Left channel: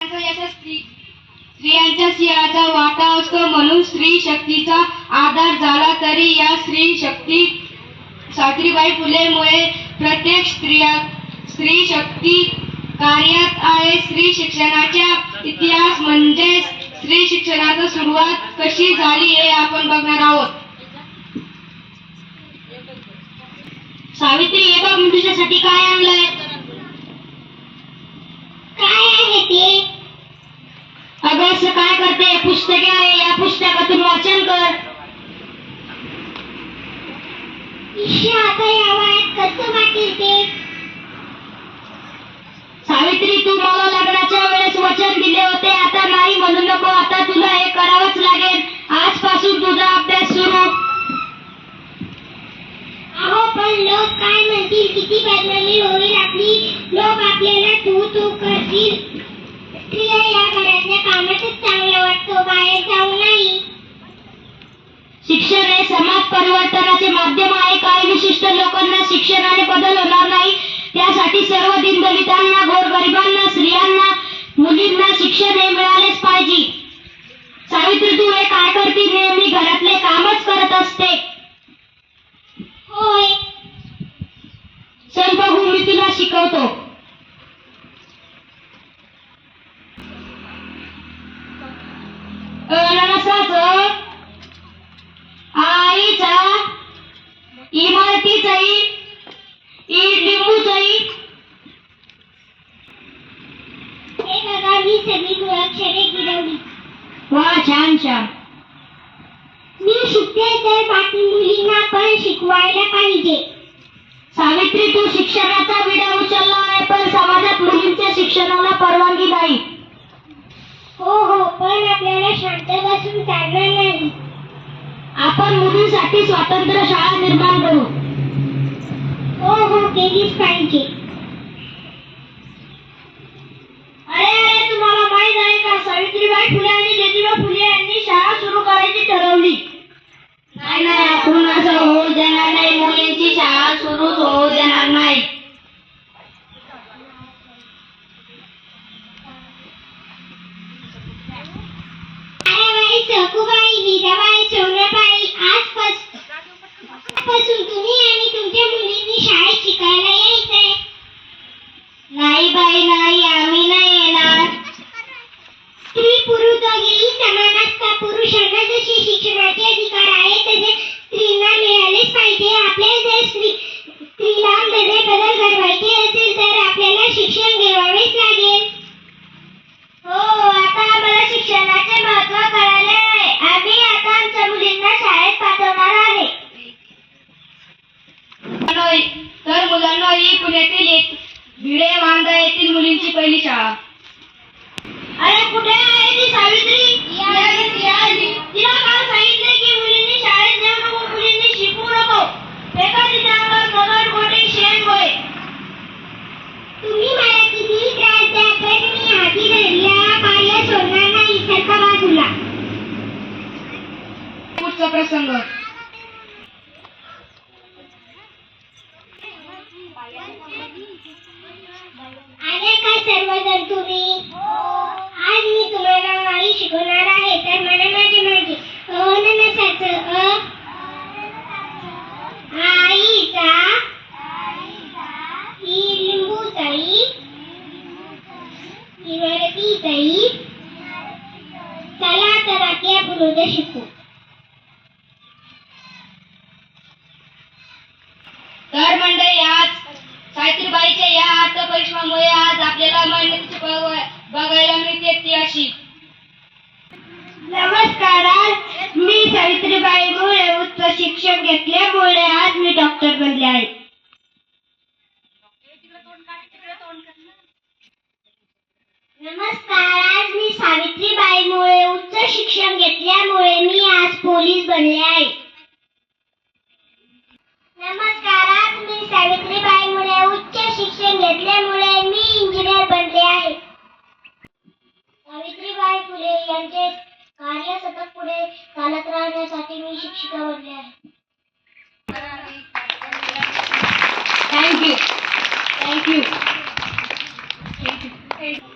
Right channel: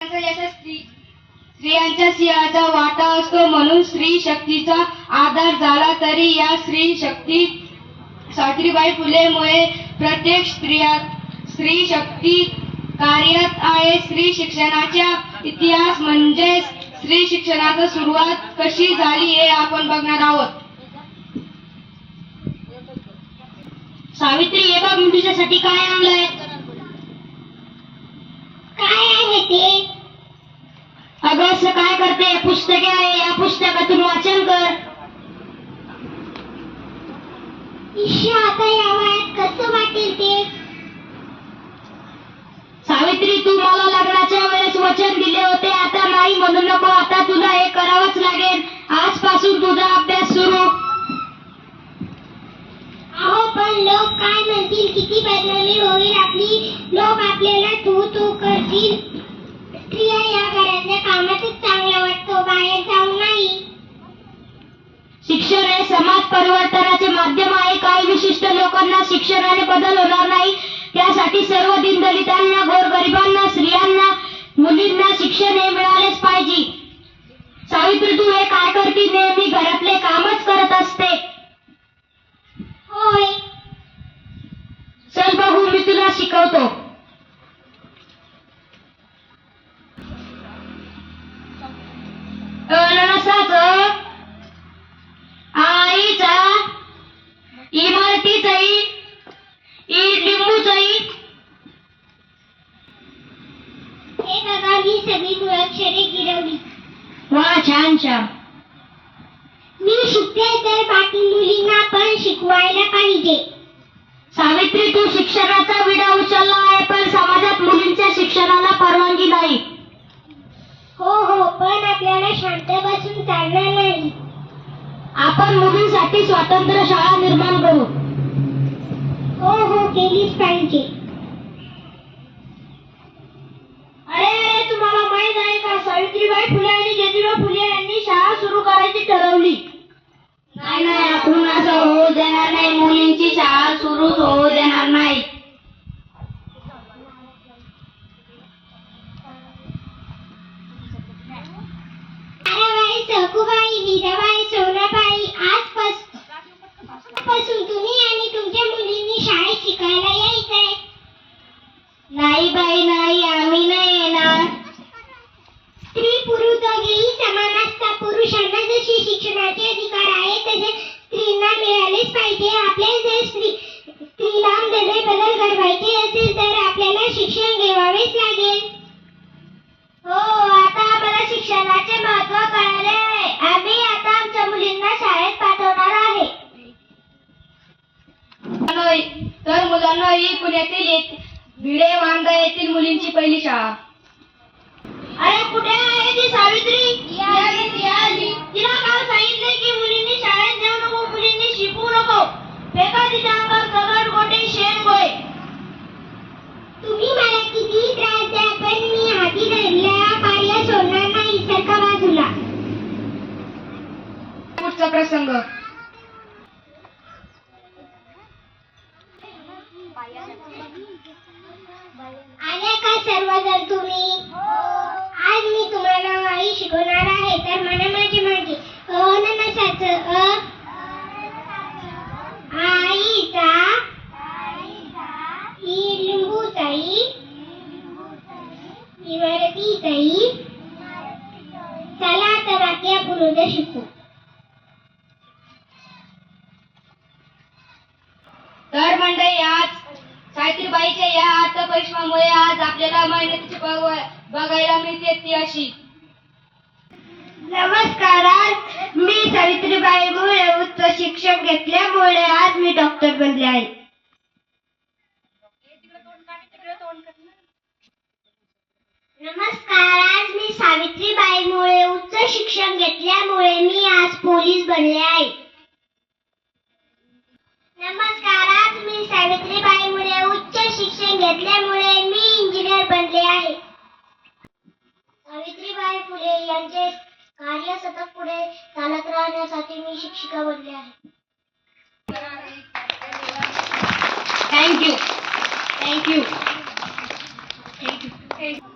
स्त्रियांच्या सिंहाचा वाटा असतो, म्हणून स्त्री शक्तीचा आधार झाला तरी या स्त्री शक्ती सावित्रीबाई फुलेमुळे प्रत्येक स्त्री शक्ती कार्यात आहे. स्त्री शिक्षणाचा इतिहास म्हणजे स्त्री शिक्षणाची सुरुवात कशी झाली हे आपण बघणार आहोत. सावित्री, हे बघ मी तुझ्यासाठी काय आणलंय. काय आहे ते? अगं असं काय करते? पुस्तके आहे, या पुस्तकातून वाचन कर. आता या वयात कसं वाटेल ते? सावित्री, तू मला लग्नाच्या वेळेस वचन दिले होते, आता नाही म्हणू नको. आता तुला हे करावंच लागेल. आजपासून तुझा अभ्यास सुरू. अहो, पण लोक काय म्हणतील? किती बदनामी होईल आपली. लोक आपल्याला तू तू करतील. स्त्रिया या घरातल्या कामातच चांगलं वाटतो, बाहेर जाऊ नाही. शिक्षण हे समाज परिवर्तनाचे माध्यम आहे. काही विशिष्ट लोकांना शिक्षणाने बदल होणार नाही. त्यासाठी सर्व दीनदलितांना, गोरगरिबांना, स्त्रियांना, मुलींना शिक्षण हे मिळालेच पाहिजे. सावित्री, तू हे काय करते? नेहमी घरातले कामच करत असते. होय, चल बघू, मी तुला शिकवतो. अननसाचं, आईचा, इमारतीचा लिंबूचा. हे बघा, ही सगळी मुळाक्षरे गिरवली. वा, छान छान. मी शिकते तर बाकी मुलींना पण शिकवायला पाहिजे. सावित्री, तू शिक्षणाचा विडा उचलला आहे, पण समाजात मुलींच्या शिक्षणाला परवानगी नाही. हो हो, पण आपल्याला शांत बसून चालणार नाही. आपण मुलींसाठी स्वतंत्र शाळा निर्माण करू. हो हो, केलीच पाहिजे. अरे, तुम्हाला माहित आहे का, सावित्रीबाई फुले आणि ज्योतिबा फुले यांनी शाळा सुरू करायची ठरवली. नाही, आपण असं होऊ देणार नाही. मुलींची शाळा सुरूच होऊ देणार नाही. ताराबाई, सखूबाई, विधाबाई, सोनाबाई, आजपासून तुम्ही आणि तुमच्या मुलींनी शाळेत शिकायला यायचंय. नाही बाई, नाही, आम्ही नाही येणार. स्त्री पुरुष दोघेही समान असतात. पुरुषांना जसे शिक्षणाचे अधिकार आहे तसे स्त्रीला मिळालेच पाहिजे. आपल्याला जर स्त्रीला बदल घडवायचे असेल तर आपल्याला शिक्षण घेवावेच लागेल. हो, आता आम्हाला शिक्षणाचे महत्त्व कळाले आहे. आम्ही आता आमच्या मुलींना शाळेत पाठवणार आहे. तर मुलांना ही पुण्यातील भिडे वांदा येथील मुलींची पहिली शाळा. अरे, कुठे आहे ती सावित्री? तिला काल सांगितले की मुलींनी शाळेत जाऊ नको, मुलींनी शिकू नको. फेका तिच्या अंगावर दगड, गोटे, शेण, गोळे. तुम्ही मला किती त्रास द्या, पण मी हाती धरल्या कार्य सोडणार नाही. सरका बाजूला. पुढचा प्रसंग. आले का सर्वजण तुम्ही? आज मी तुम्हाला आई शिकवणार आहे, तर मला माझे मागे. अननसाचं अ, आईचा, लिंबूचा इ, इमारतीचा इ. चला तर वाक्य पुढे शिकू. तर मंडळी, आज सावित्रीबाईच्या या अर्थपरिश्रमामुळे आज आपल्याला मेहनतीची बघायला मिळते ती अशी. नमस्कार, मी सावित्रीबाई मुळे उच्च शिक्षण घेतल्यामुळे आज मी डॉक्टर बनले आहे. नमस्कार, आज मी सावित्रीबाई मुळे उच्च शिक्षण घेतल्यामुळे मी आज पोलीस बनले आहे. नमस्कार, आज मी सावित्रीबाई मुळे उच्च शिक्षण घेतल्यामुळे मी इंजिनियर बनले आहे. सावित्रीबाई फुले यांचे कार्य सतत पुढे चालत राहण्यासाठी मी शिक्षिका बनले आहे. थँक्यू. Thank you.